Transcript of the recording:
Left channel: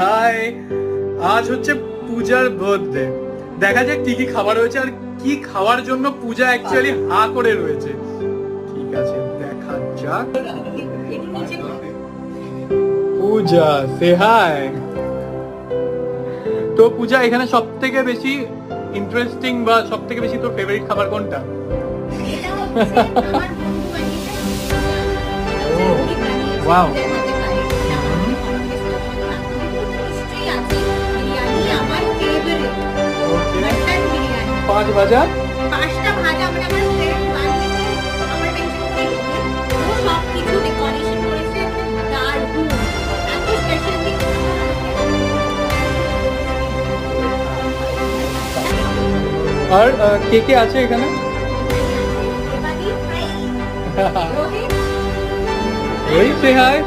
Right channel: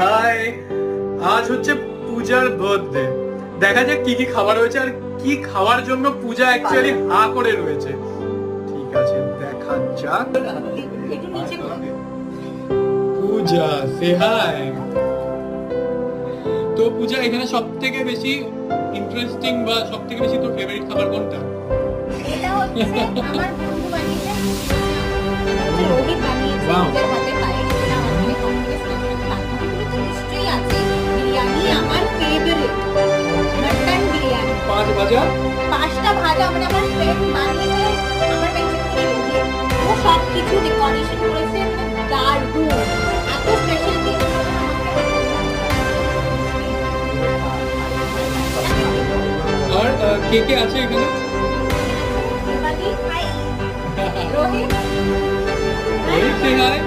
High, আজ হচ্ছে পূজার বার্থডে। দেখা যাক কি কি খাবার হয়েছে আর কি খাওয়ার জন্য পূজা অ্যাকচুয়ালি হা করে রয়েছে। ঠিক আছে, দেখা যাক। পূজা সে হাই। তো পূজা, এখানে সব থেকে বেশি ইন্টারেস্টিং বা সব থেকে বেশি তোর ফেভারিট খাবার কোনটা? ওয়াও, পাঁচ ভাজা, পাঁচটা ভাজা মানে আমার ফ্রেন্ড বানিয়ে আমার ও সব কিছু ডেকোরেশন করেছে, দারুণ, এত স্পেশাল। আর কে কে আছে এখানে? ওই সে হাই।